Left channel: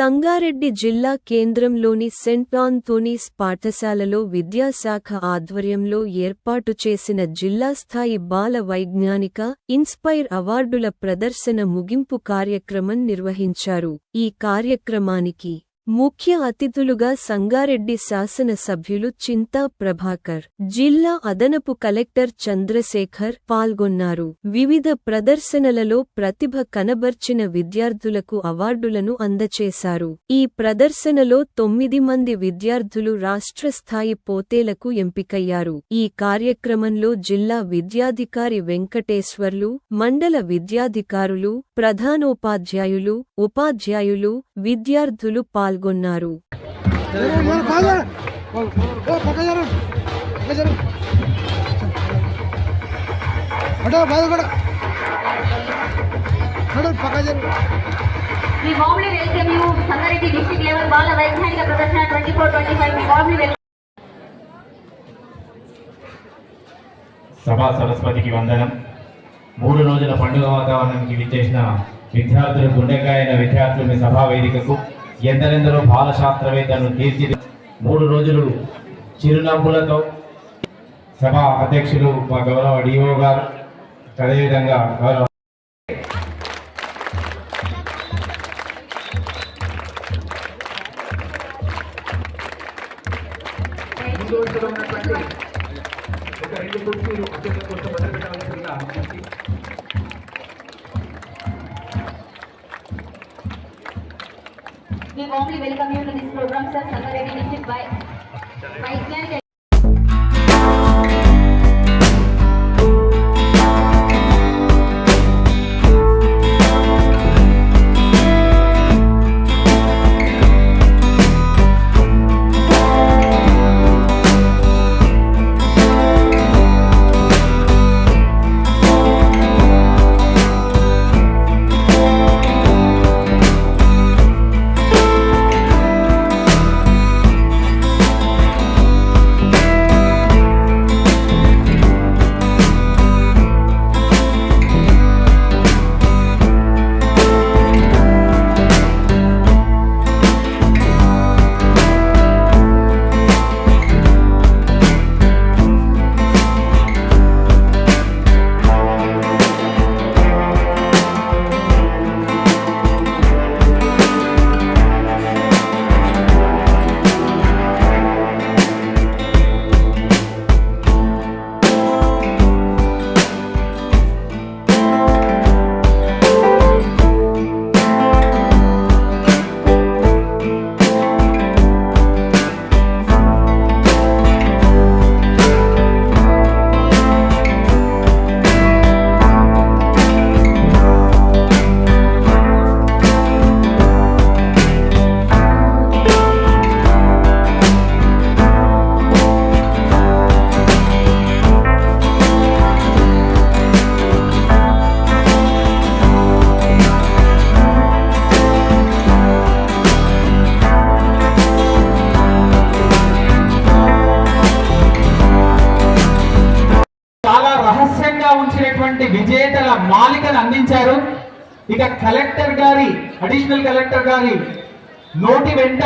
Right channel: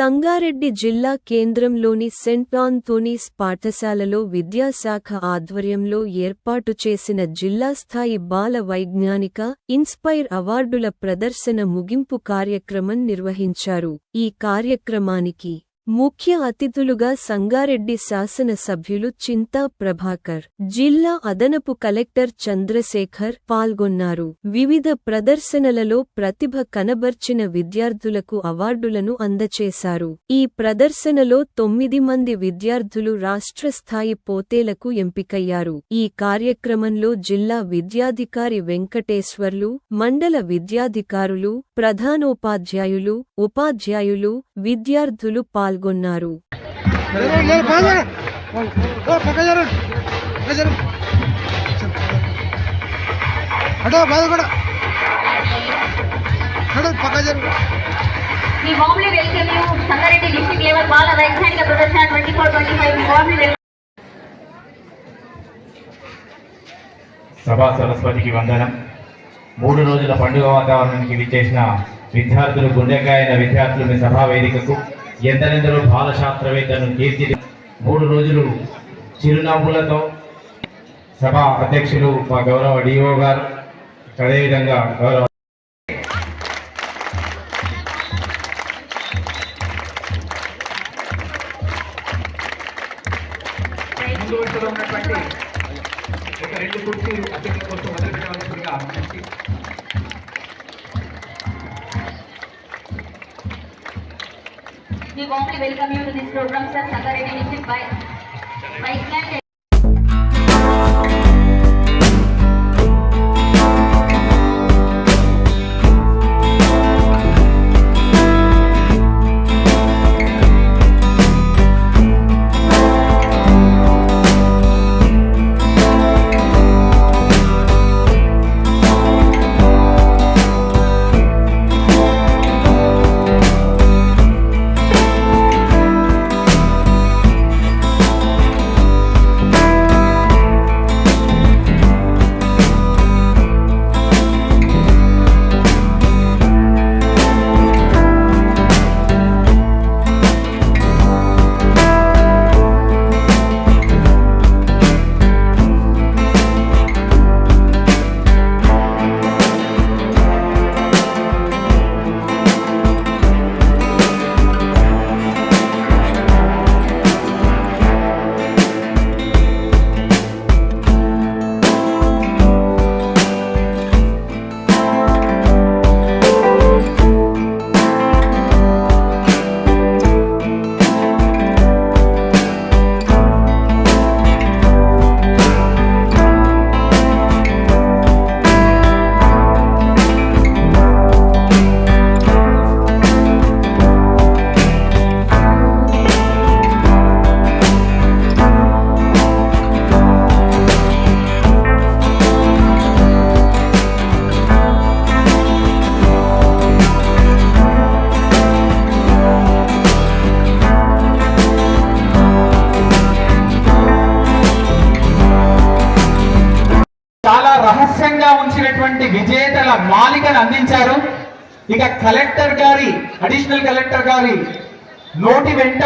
సంగారెడ్డి జిల్లా కేంద్రంలోని cent Anthony's పాఠశాలలో విద్యాశాఖ ఆధ్వర్యంలో ఏర్పాటు చేసిన జిల్లాస్థాయి బాల వైజ్ఞానిక ఇన్స్పైర్ అవార్డుల ప్రదర్శన ముగింపు కార్యక్రమం నిర్వహించారు. ఈ కార్యక్రమానికి ముఖ్య అతిథులుగా సంగారెడ్డి శాసన సభ్యులు చింతా ప్రభాకర్, జిల్లా అదనపు కలెక్టర్ చంద్రశేఖర్ పాల్గొన్నారు. వివిధ ప్రదర్శనలలో ప్రతిభ కనబర్చిన విద్యార్థులకు అవార్డులను అందచేశారు. ఈ ప్రదర్శనలో 9 మంది విద్యార్థులు రాష్ట్రస్థాయి పోటీలకు ఎంపికయ్యారు. ఈ కార్యక్రమంలో జిల్లా విద్యాధికారి వెంకటేశ్వర్లు, మండల విద్యాధికారులు, ప్రధానోపాధ్యాయులు, ఉపాధ్యాయులు, విద్యార్థులు పాల్గొన్నారు. సభా సరస్వతికి వందనం. 3 రోజుల పండుగ వాతావరణానికి విచ్చేసిన విద్యార్థులు, గుండెకాయన విద్యార్థులు మీ సభా వేదికకు, ఎందరెందరో బాలశాస్త్రవేత్తలను తీర్చిది 3 రోజులు చిరునవ్వులతో సభా అధ్యక్షులు మా గౌరవ డిఓ గారు, అదేవిధంగా గౌరవ We warmly welcome you to this program, sir. Sangareddy initiated by Vice విజేతల మాలికను అందించారు. ఇక కలెక్టర్ గారి, అడిషనల్ కలెక్టర్ గారి నోటి వెంట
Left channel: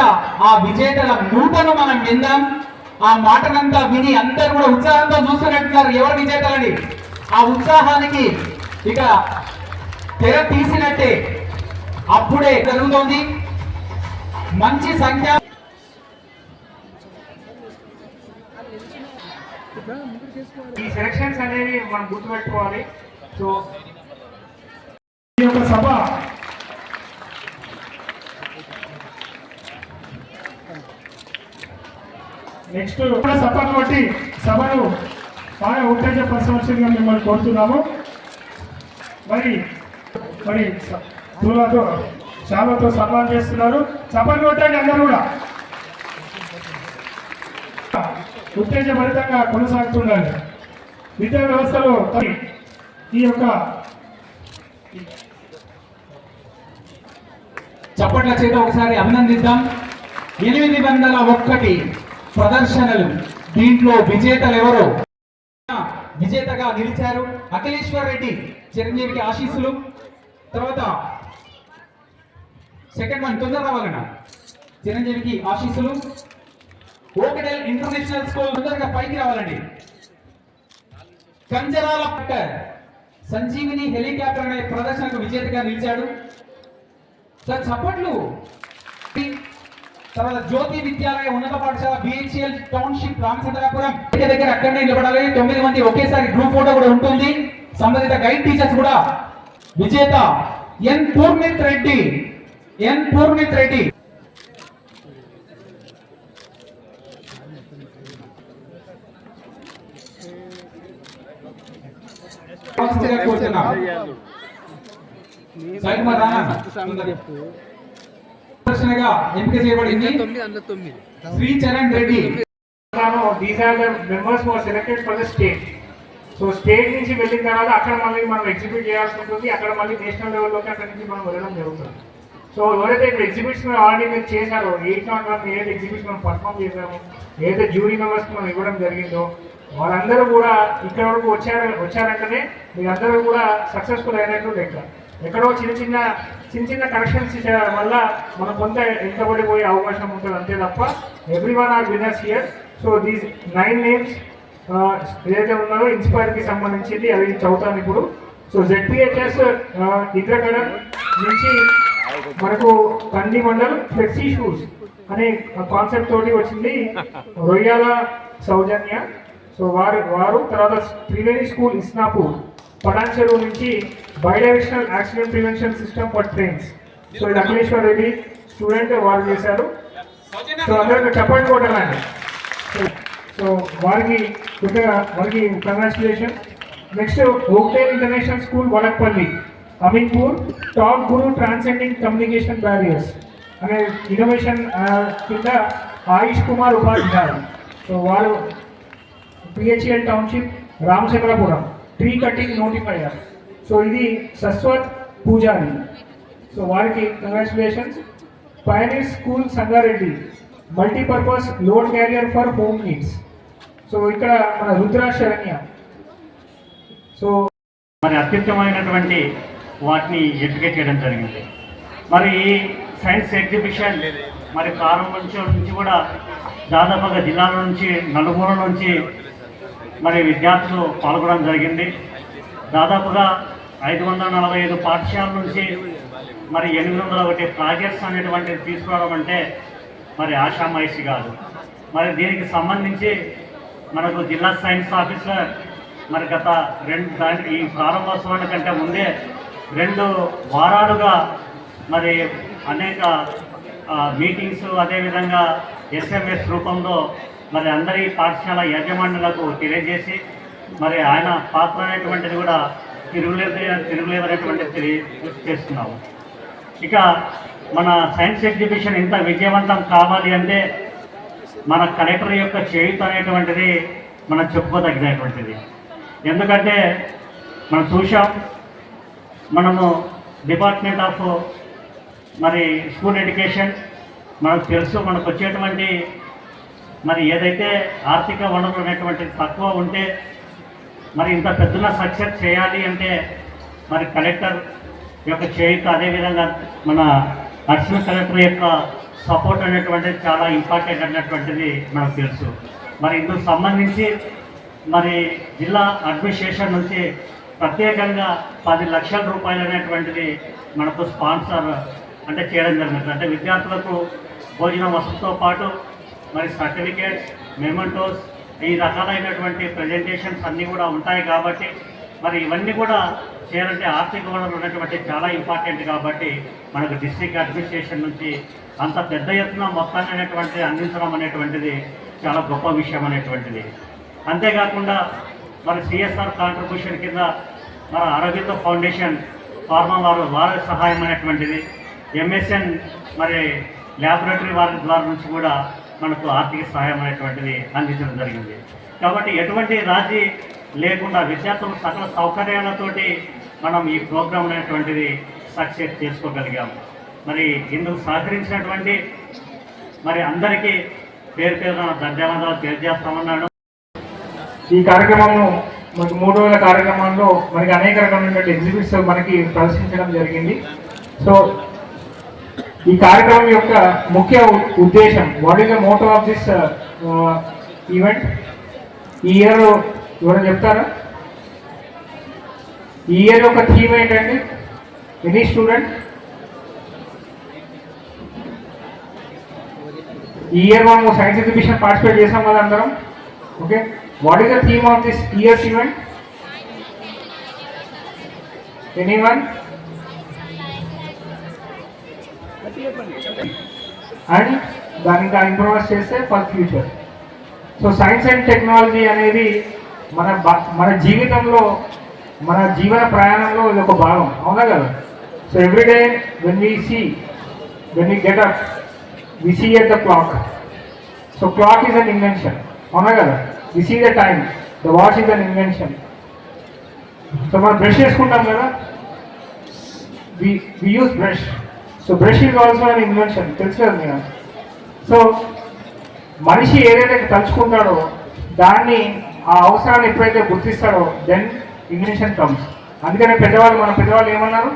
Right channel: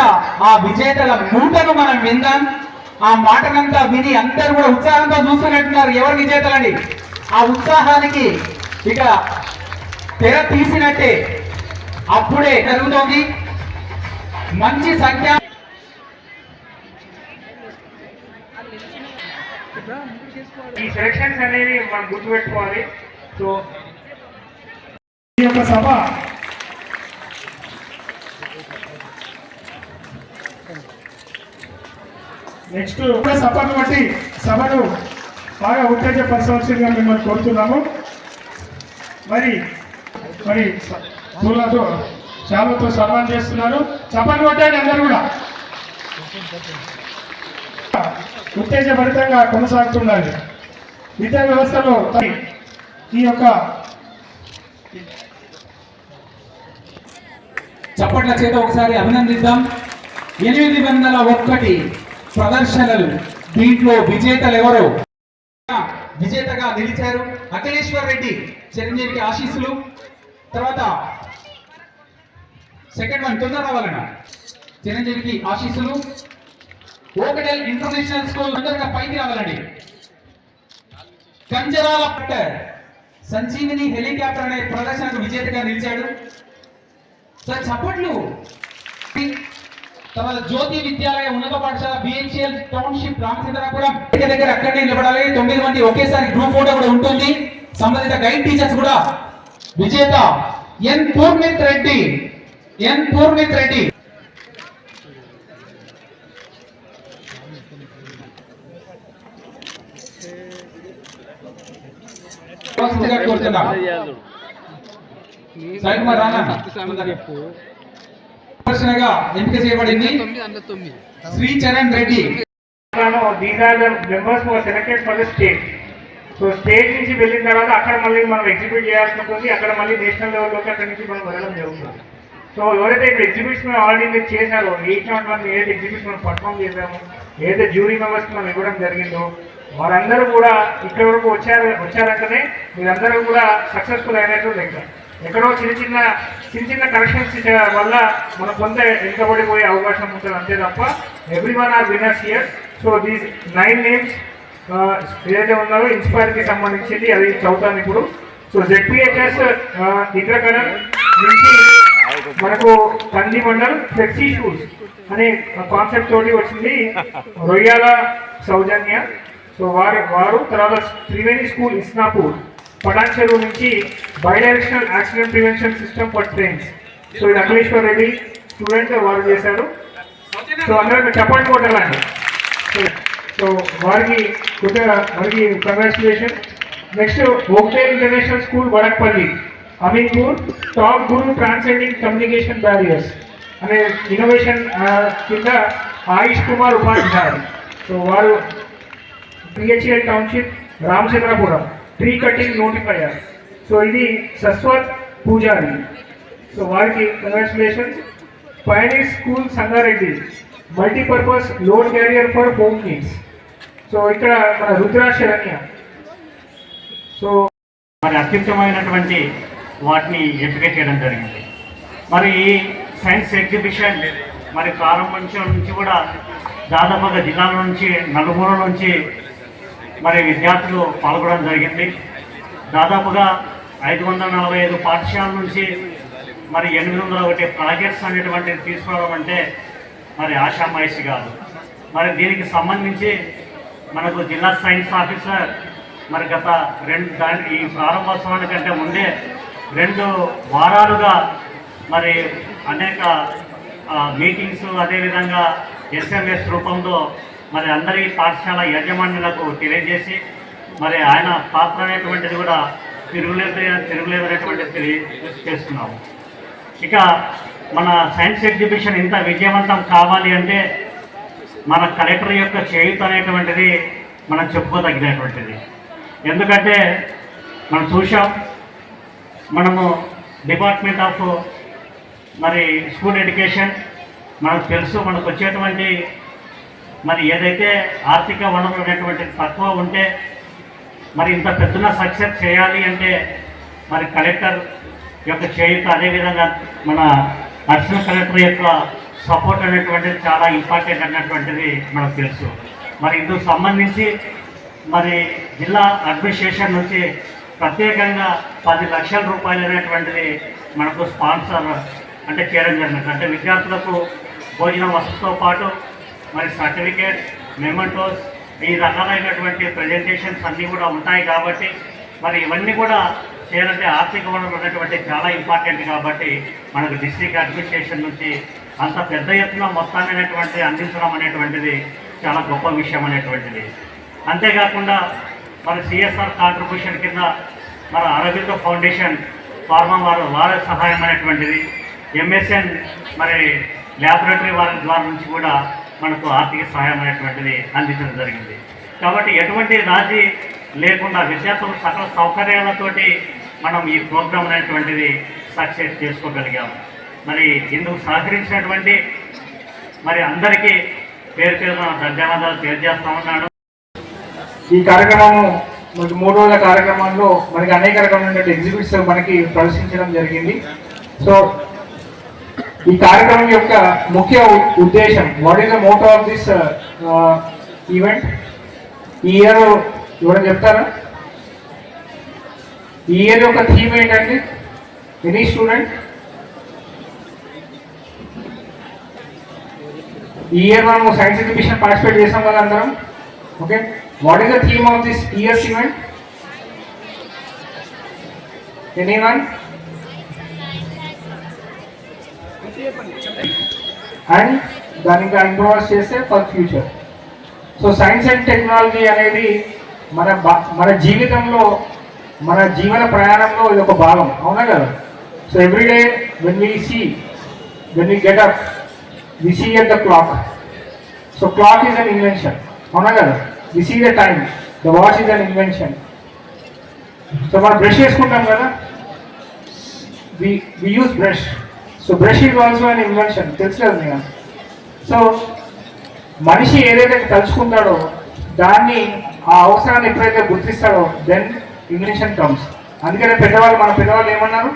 ఆ విజేతల మూటను మనం విందాం. ఆ మాటనంతా విని అందరూ కూడా ఉత్సాహంతో చూస్తున్నట్టున్నారు ఎవరు విజేతలని. ఆ ఉత్సాహానికి ఇక తెర తీసినట్టే అప్పుడే జరుగుతోంది. మంచి సంఖ్య ఈ సెలక్షన్స్ అనేవి మనం గుర్తుపెట్టుకోవాలి. సో ఈ యొక్క సభ నెక్స్ట్ సభను బట్టి సభను బాగా ఉత్తేజపరచవలసిందిగా మిమ్మల్ని కోరుతున్నాము. మరి పూలతో శాలతో సన్మానం చేస్తున్నారు. సభను కొట్టండి అందరూ కూడా. ఉత్తేజభరితంగా కొనసాగుతుండాలి. విద్యా వ్యవస్థలో ఈ యొక్క చప్పట్ల చేత ఒకసారి అభినందిద్దాం. 801 ప్రదర్శనలు, దీంట్లో విజేతలు ఎవరో విజేతగా నిలిచారు. అఖిలేశ్వర్ రెడ్డి చిరంజీవికి ఆశీస్సులు. తర్వాత సెకండ్ వన్ తొందర రావాలన్నా. చిరంజీవికి ఆశీస్సులు. ఓకడెల్ ఇంటర్నేషనల్ స్కూల్ తొందరగా పైకి రావాలండి. కంజరాల సంజీవిని హెలికాప్టర్ అనే ప్రదర్శనకు విజేతగా నిలిచాడు. సార్ చప్పట్లు. తర్వాత జ్యోతి విద్యాలయ ఉన్నత పాఠశాల బిహెచ్ఎల్ టౌన్షిప్ రామచంద్రాపురం దగ్గర అక్కడనే నిలబడాలి. 9 మంది ఒకేసారి గ్రూప్ ఫోటో కూడా ఉంటుంది. సంబంధిత గైడ్ టీచర్స్ కూడా. విజేత ఎన్ పూర్ణిత్ రెడ్డి. ప్రదర్శనగా ఎంపిక చేయబడింది Sri Charan Reddy. These are the members who are selected for the state. So state నుంచి వెళ్ళిన తర్వాత అక్కడ మళ్ళీ మనం ఎగ్జిక్యూట్ చేయాల్సి ఉంటుంది. అక్కడ మళ్ళీ నేషనల్ లెవెల్లోకి అక్కడి నుంచి మనం వెళ్ళడం జరుగుతుంది. సో ఎవరైతే ఇప్పుడు ఎగ్జిబిట్స్ మనం ఆల్రెడీ మీరు చేశారో 801 ఏదైతే ఎగ్జిబిట్స్ మనం పర్ఫామ్ చేశామో, ఏదైతే జ్యూరీ మెంబర్స్ మనం ఇవ్వడం జరిగిందో, వారందరూ కూడా ఇక్కడ వరకు వచ్చారంటేనే మీరందరూ కూడా సక్సెస్ఫుల్ అయినట్టు లెక్క. ఎక్కడో చిన్న చిన్న కరెక్షన్స్ వల్ల మనం కొంత వెనుకబడిపోయే అవకాశం ఉంటుంది అంతే తప్ప every one or winners here. So these 9 names ఏదైతే ఉన్నారో ఇన్స్పైర్కి సంబంధించింది అది చదువుతాను ఇప్పుడు. సో జెడ్పీహెచ్ఎస్ ఇంద్రకడ నుంచి మనకు కంది మండల్ ఫ్లెక్సీ షూస్ అనే కాన్సెప్ట్ తోటి వచ్చింది రొయ్యాల సౌజన్య. సో వారు తర్వాత త్రివేణి స్కూల్ ఇస్నాపూర్ పటాన్చెరు నుంచి bidirectional accident prevention system for trains. So ఇది అఖిలేశ్వర్ రెడ్డి స్టూడెంట్ వారు చేశారు. సో అందరూ చెప్పండి కొట్టాలండి. సో వారికి కంగ్రాచులేషన్. నెక్స్ట్ ఓక్టేల్ international school Vadakpalli Ameenpur top guru transcending communication barriers అనే ఇన్నోవేషన్ కింద ఆయుష్ కుమార్ ఉపాధ్యాయులు. సో వారు BHEL township Ramachandrapuram tree cutting notifier. So ఇది సస్వత్ పూజారి. సో వారికి congratulations. Pioneer school Sangareddy multipurpose load carrier for home needs. So ఇక్కడ మన రుద్రా శరణ్య. సో మరి అత్యుత్తమైనటువంటి వాటిని ఎంపిక చేయడం జరిగింది. మరి ఈ సైన్స్ ఎగ్జిబిషన్ మరి ప్రారంభించడం నుంచి కూడా దాదాపుగా జిల్లాల నుంచి నలుమూలల నుంచి మరి విద్యార్థులు పాల్గొనడం జరిగింది. దాదాపుగా 545 పాఠశాలల నుంచి మరి 801 ప్రాజెక్ట్స్ అనేటువంటివి తీసుకురావడం అంటే మరి ఆషామాయిషి కాదు. మరి దీనికి సంబంధించి మనకు జిల్లా సైన్స్ ఆఫీసర్ మరి గత ఈ ప్రారంభోత్సవానికంటే ముందే 2 వారాలుగా మరి అనేక మీటింగ్స్ అదేవిధంగా ఎస్ఎంఎస్ రూపంలో మరి అందరి పాఠశాల యాజమాన్యులకు తెలియజేసి మరి ఆయన పాత్ర అనేటువంటిది కూడా తిరుగులేదనేటువంటిది తెలియజేస్తున్నాము. ఇక మన సైన్స్ ఎగ్జిబిషన్ ఇంత విజయవంతం కావాలి అంటే మన కలెక్టర్ యొక్క చేయూత అనేటువంటిది మనం చెప్పుకోదగినటువంటిది. ఎందుకంటే మనం చూసాం, మనము డిపార్ట్మెంట్ ఆఫ్ మరి స్కూల్ ఎడ్యుకేషన్ మనకు తెలుసు, మనకు వచ్చేటువంటి మరి ఏదైతే ఆర్థిక వనరులు అనేటువంటిది తక్కువ ఉంటే మరి ఇంత పెద్దగా సక్సెస్ చేయాలి అంటే మరి కలెక్టర్ యొక్క చేయూత అదేవిధంగా మన అడిషనల్ కలెక్టర్ యొక్క సపోర్ట్ అనేటువంటిది చాలా ఇంపార్టెంట్ అన్నటువంటిది మనకు తెలుసు. మరి ఇందుకు సంబంధించి మరి జిల్లా అడ్మినిస్ట్రేషన్ నుంచి ప్రత్యేకంగా 10 లక్షల రూపాయలు అనేటువంటిది మనకు స్పాన్సర్ అంటే చేయడం జరిగింది. అంటే విద్యార్థులకు భోజన వసతితో పాటు మరి సర్టిఫికేట్స్, మెమెంటోస్, ఈ రకాలైనటువంటి ప్రజెంటేషన్స్ అన్నీ కూడా ఉంటాయి. కాబట్టి మరి ఇవన్నీ కూడా చేయాలంటే ఆర్థిక వనరులు ఉన్నటువంటి చాలా ఇంపార్టెంట్. కాబట్టి మనకు డిస్ట్రిక్ట్ అడ్మినిస్ట్రేషన్ నుంచి అంత పెద్ద ఎత్తున మొత్తాన్ని అనేటువంటిది అందించడం అనేటువంటిది చాలా గొప్ప విషయం అనేటువంటిది. అంతేకాకుండా మరి సిఎస్ఆర్ కాంట్రిబ్యూషన్ కింద మరి అరబిందో ఫౌండేషన్ ఫార్మా వారి సహాయం అనేటువంటిది, ఎంఎస్ఎన్ మరి ల్యాబొరేటరీ వారి ద్వారా నుంచి కూడా మనకు ఆర్థిక సహాయం అనేటువంటిది అందించడం జరిగింది. కాబట్టి ఎటువంటి రాజీ లేకుండా విద్యార్థులు సకల సౌకర్యాలతోటి మనం ఈ ప్రోగ్రాం అనేటువంటిది సక్సెస్ చేసుకోగలిగాము. మరి ఇందుకు సహకరించినటువంటి మరి అందరికీ పేరు పేరున ధన్యవాదాలు తెలియజేస్తా ఉన్నాను. ఈ కార్యక్రమం మనకి 3 రోజుల కార్యక్రమంలో మనకి అనేక రకమైనటువంటి ఎగ్జిబిట్స్ మనకి ప్రదర్శించడం జరిగింది. సో ఈ కార్యక్రమం యొక్క ముఖ్య ఉద్దేశం, what is the motto of this event? ఈ ఇయర్ ఎవరైనా చెప్తారా? ఈ ఇయర్ యొక్క థీమ్ ఏంటండి? Any student? ఈ ఇయర్ మనము సైన్స్ ఎగ్జిబిషన్ పార్టిసిపేట్ చేసాం కదా అందరం. Okay, what is the theme of this years event? Anyone? And దాన్ని ఇంకా ఇంప్రూవైజ్ చేస్తే for future. So science and technology అనేది మన జీవితంలో, మన జీవన ప్రయాణంలో ఇది ఒక భాగం, అవునా కదా? So everyday when we get up we see at the clock. So clock is an invention, అవునా కదా? We see the time, the watch is an invention. So మనం బ్రష్ చేసుకుంటాం కదా, we use brush. So brush is also an invention, తెలుసు కదా మీకు. So మనిషి ఏదైతే తలుచుకుంటాడో దాన్ని, ఆ అవసరాన్ని ఎప్పుడైతే గుర్తిస్తాడో దెన్ ఇన్వెన్షన్ కమ్స్. అందుకనే మన పెద్దవాళ్ళు ఏమన్నారు?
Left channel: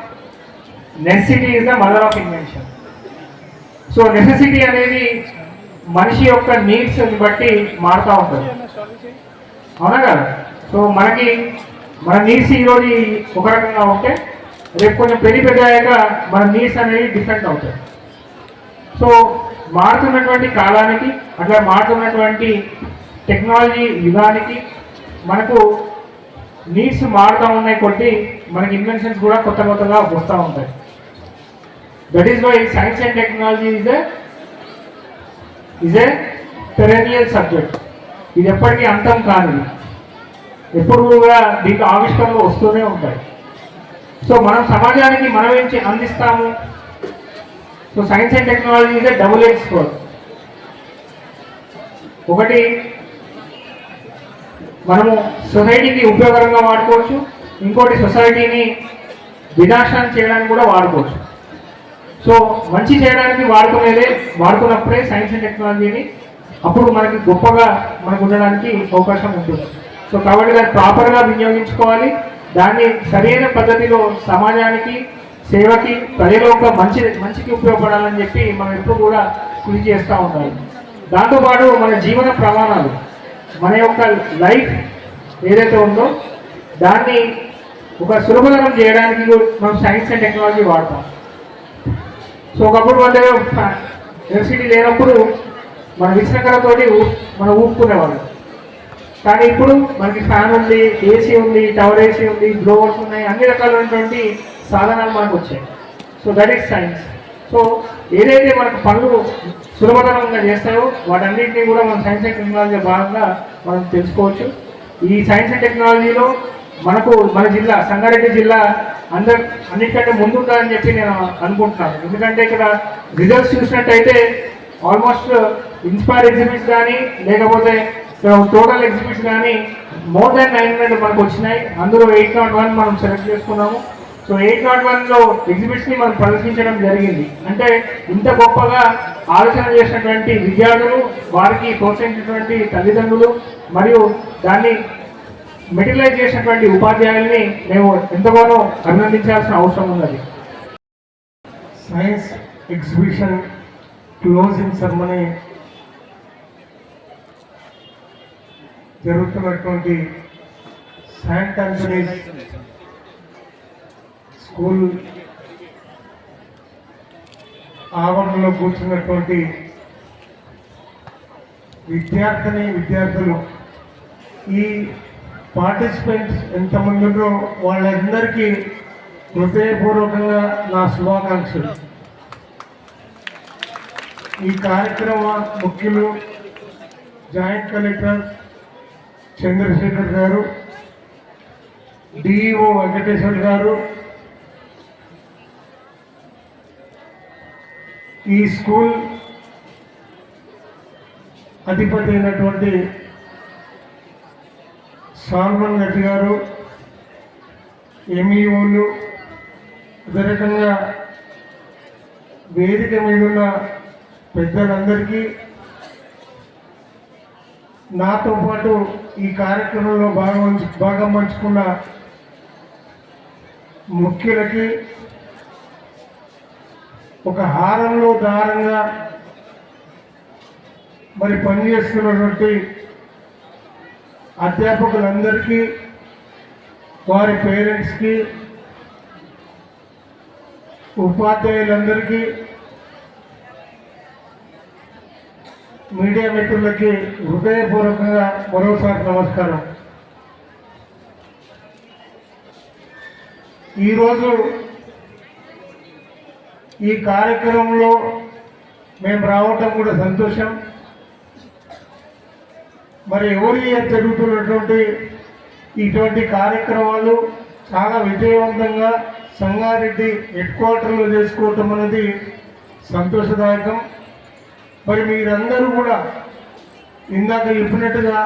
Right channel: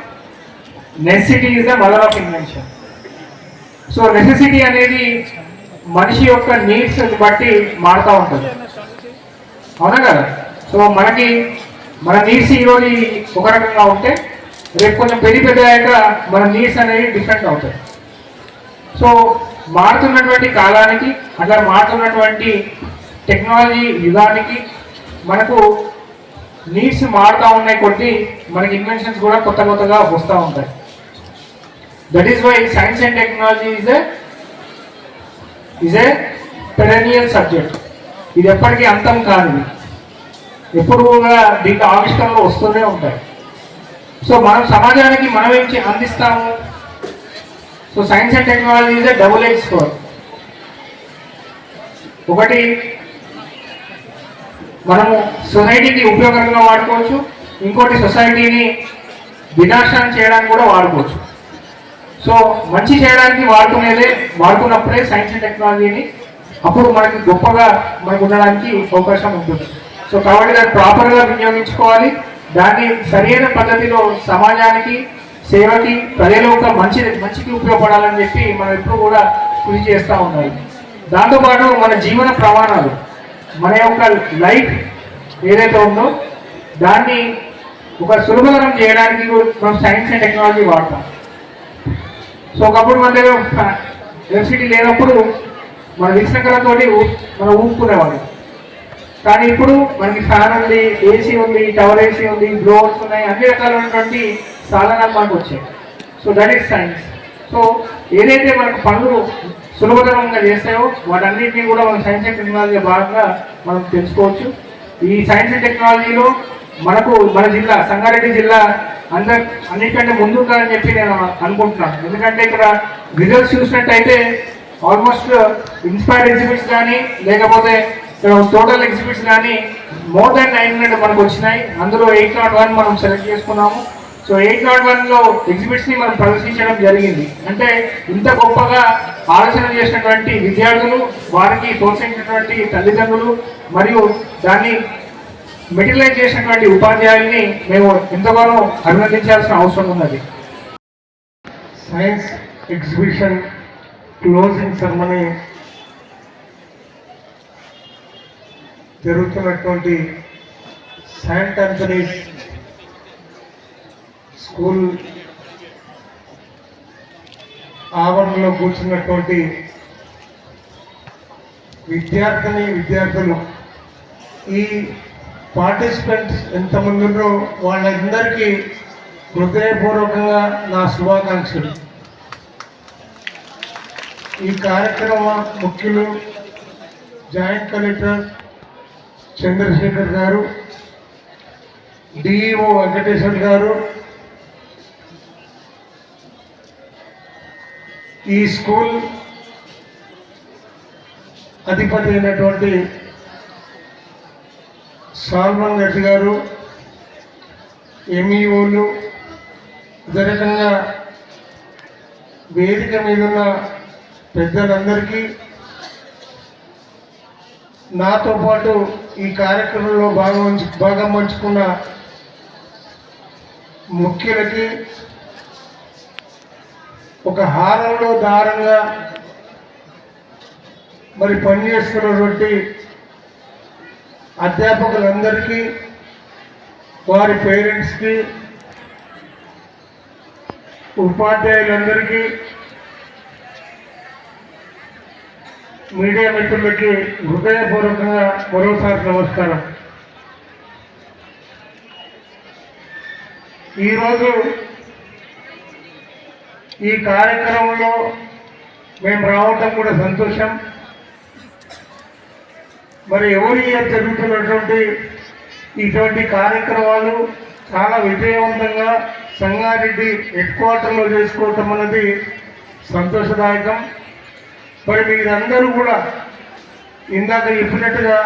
Necessity is the mother of invention. So necessity అనేది మనిషి యొక్క నీడ్స్ బట్టి మారుతూ ఉంటుంది, అవునా కదా? సో మన నీడ్స్ ఈరోజు ఒక రకంగా ఉంటే రేపు కొంచెం పెద్దయ్యాక మన నీడ్స్ అనేవి డిఫరెంట్ అవుతాయి. సో మారుతున్నటువంటి కాలానికి, అట్లా మారుతున్నటువంటి టెక్నాలజీ యుగానికి మనకు నీడ్స్ మారుతూ ఉన్నాయి కొద్దీ మనకి ఇన్వెన్షన్స్ కూడా కొత్తగా వస్తూ ఉంటాయి. That is why science and technology is a perennial subject. ఇది ఎప్పటికీ అంతం కానిది, ఎప్పుడు కూడా దీంట్లో ఆవిష్కరణలు వస్తూనే ఉంటాయి. సో మనం సమాజానికి మనం ఏం అందిస్తాము? So science and technology is A double edge sword. ఒకటి మనము సొసైటీకి ఉపయోగకరంగా వాడుకోవచ్చు, ఇంకోటి సొసైటీని వినాశనం చేయడానికి కూడా వాడుకోవచ్చు. సో మంచి చేయడానికి వాడుతున్నప్పుడే సైన్స్ అండ్ టెక్నాలజీని అప్పుడు మనకి గొప్పగా ఉండడానికి అవకాశం ఉంటుంది. సో కాబట్టి దాన్ని ప్రాపర్గా వినియోగించుకోవాలి. దాన్ని సరైన పద్ధతిలో సమాజానికి, సేవకి, ప్రజల యొక్క మంచికి ఉపయోగపడాలని చెప్పి మనం ఎప్పుడు కూడా కృషి చేస్తూ ఉండాలి. దాంతోపాటు మన జీవన ప్రమాణాలు, మన యొక్క లైఫ్ ఏదైతే ఉందో దాన్ని ఒక సులభతరం చేయడానికి మనం సైన్స్ అండ్ టెక్నాలజీ వాడతాం. సో ఒకప్పుడు మన దగ్గర ఎలక్ట్రిసిటీ లేనప్పుడు మన విశ్రకలతో మనం ఊపుకునేవాళ్ళం. కానీ ఇప్పుడు మనకి ఫ్యాన్ ఉంది, ఏసీ ఉంది, టవర్ ఏసీ ఉంది, బ్లోవర్స్ ఉన్నాయి, అన్ని రకాలైనటువంటి సాధనాలు మనకు వచ్చాయి. So that is science. So ఏదైతే మనకు పనులు సులభతరంగా చేస్తాయో వాటన్నింటినీ కూడా మనం సైన్స్ అండ్ టెక్నాలజీ భాగంగా మనం తెలుసుకోవచ్చు. ఈ సైన్స్ అండ్ టెక్నాలజీలో మన జిల్లా సంగారెడ్డి జిల్లా అన్నిటికంటే ముందుంటారని చెప్పి నేను అనుకుంటున్నాను. ఎందుకంటే ఇక్కడ రిజల్ట్స్ చూసినట్టయితే ఆల్మోస్ట్ ఇన్స్పైర్ ఎగ్జిబిట్స్ కానీ, లేకపోతే టోటల్ ఎగ్జిబిట్స్ కానీ మోర్ దాన్ 900 మనకు వచ్చినాయి. అందులో 801 మనం సెలెక్ట్ చేసుకున్నాము. సో 801లో ఎగ్జిబిట్స్ని మనం ప్రదర్శించడం జరిగింది. అంటే ఇంత గొప్పగా ఆలోచన చేసినటువంటి విద్యార్థులు, వారికి ప్రోత్సహించినటువంటి తల్లిదండ్రులు, మరియు దాన్ని మెటీరియలైజ్ చేసినటువంటి ఉపాధ్యాయుల్ని మేము ఎంతగానో అభినందించాల్సిన అవసరం ఉన్నది. సైన్స్ ఎగ్జిబిషన్ క్లోజింగ్ సెరమనీ జరుగుతున్నటువంటి సెయింట్ ఆంథనీస్ స్కూల్ ఆవరణలో కూర్చున్నటువంటి విద్యార్థులు, ఈ పార్టిసిపెంట్స్ ఎంతమందిలో వాళ్ళందరికీ హృదయపూర్వకంగా నా శుభాకాంక్షలు. ఈ కార్యక్రమ ముఖ్యులు జాయింట్ కలెక్టర్ చంద్రశేఖర్ గారు, డిఈఓ వెంకటేశ్వర్ గారు, ఈ స్కూల్ అధిపతి అయినటువంటి సాల్మన్ రెడ్డి గారు, ఎంఈఓలు, అదే రకంగా వేదిక మీద ఉన్న పెద్దలందరికీ, నాతో పాటు ఈ కార్యక్రమంలో భాగం పంచుకున్న ముఖ్యులకి ఒక హారంలో దారంగా మరి పనిచేస్తున్నటువంటి అధ్యాపకులందరికీ, వారి పేరెంట్స్కి, ఉపాధ్యాయులందరికీ, మీడియా మిత్రులకి హృదయపూర్వకంగా మరోసారి నమస్కారం. ఈరోజు ఈ కార్యక్రమంలో మేము రావటం కూడా సంతోషం. మరి ఎవరి జరుగుతున్నటువంటి ఇటువంటి కార్యక్రమాలు చాలా విజయవంతంగా సంగారెడ్డి హెడ్ క్వార్టర్లో చేసుకోవటం అనేది సంతోషదాయకం. మరి మీరందరూ కూడా ఇందాక చెప్పినట్టుగా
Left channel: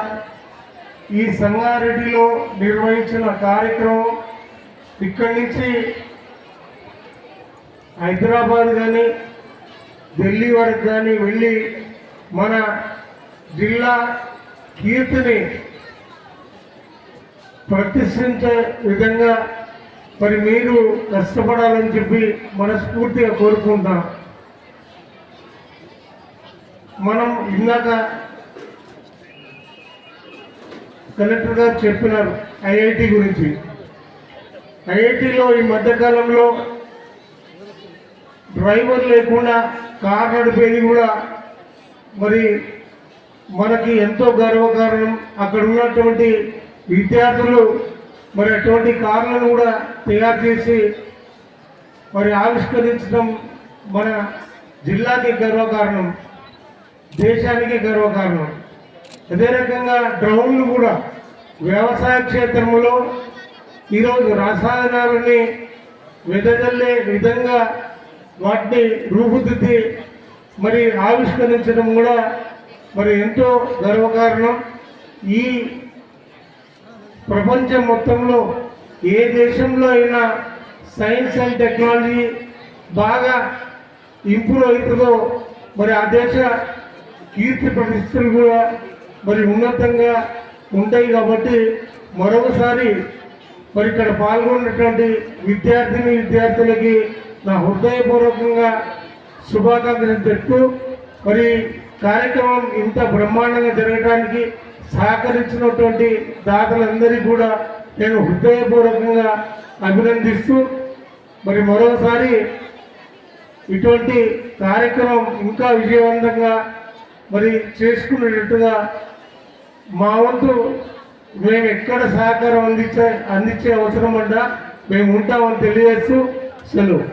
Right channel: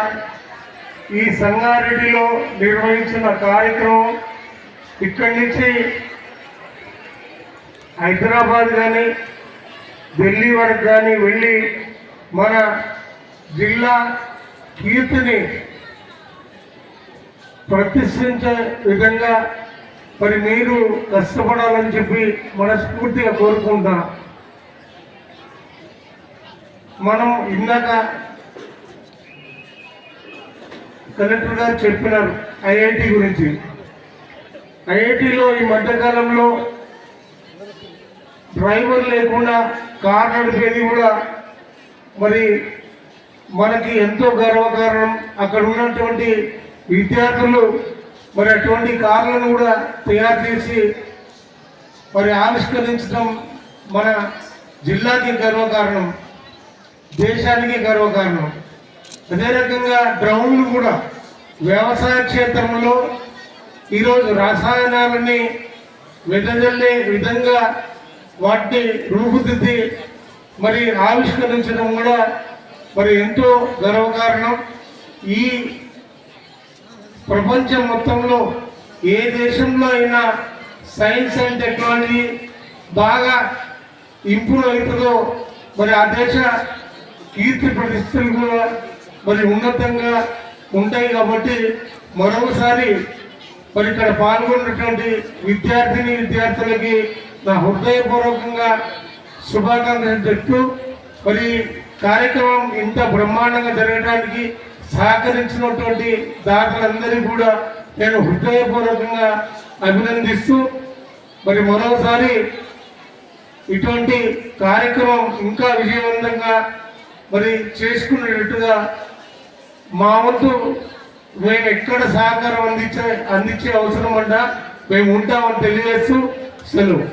ఈ సంగారెడ్డిలో నిర్వహించిన కార్యక్రమం ఇక్కడి నుంచి హైదరాబాద్ కానీ ఢిల్లీ వరకు కానీ వెళ్ళి మన జిల్లా కీర్తిని ప్రతిష్ఠించే విధంగా మరి మీరు కష్టపడాలని చెప్పి మనస్ఫూర్తిగా కోరుకుంటున్నాం. మనం ఇందాక కలెక్టర్ గారు చెప్పినారు ఐఐటి గురించి. ఐఐటిలో ఈ మధ్యకాలంలో డ్రైవర్ లేకుండా కార్ నడిపేది కూడా మరి మనకి ఎంతో గర్వకారణం. అక్కడ ఉన్నటువంటి విద్యార్థులు మరి అటువంటి కార్లను కూడా తయారు చేసి మరి ఆవిష్కరించడం మన జిల్లాకి గర్వకారణం, దేశానికి గర్వకారణం. అదే రకంగా డ్రోన్లు కూడా వ్యవసాయ క్షేత్రంలో ఈరోజు రసాయనాలని వెదజల్లే విధంగా వాటిని రూపుదిద్ది మరి ఆవిష్కరించడం కూడా మరి ఎంతో గర్వకారణం. ఈ ప్రపంచం మొత్తంలో ఏ దేశంలో అయినా సైన్స్ అండ్ టెక్నాలజీ బాగా ఇంప్రూవ్ అవుతుందో మరి ఆ దేశ కీర్తి ప్రతిష్టలు కూడా మరి ఉన్నతంగా ఉంటాయి. కాబట్టి మరొకసారి మరి ఇక్కడ పాల్గొన్నటువంటి విద్యార్థులకి నా హృదయపూర్వకంగా శుభాకాంక్షలు చెప్తూ మరి కార్యక్రమం ఇంత బ్రహ్మాండంగా జరగడానికి సహకరించినటువంటి దాతలందరికీ కూడా నేను హృదయపూర్వకంగా అభినందిస్తూ మరి మరోసారి ఇటువంటి కార్యక్రమం ఇంకా విజయవంతంగా మరి చేసుకునేటట్టుగా మా వంతు మేము ఎక్కడ సహకారం అందించే అవసరం అంట మేము ఉంటామని తెలియజేస్తూ సెలవు.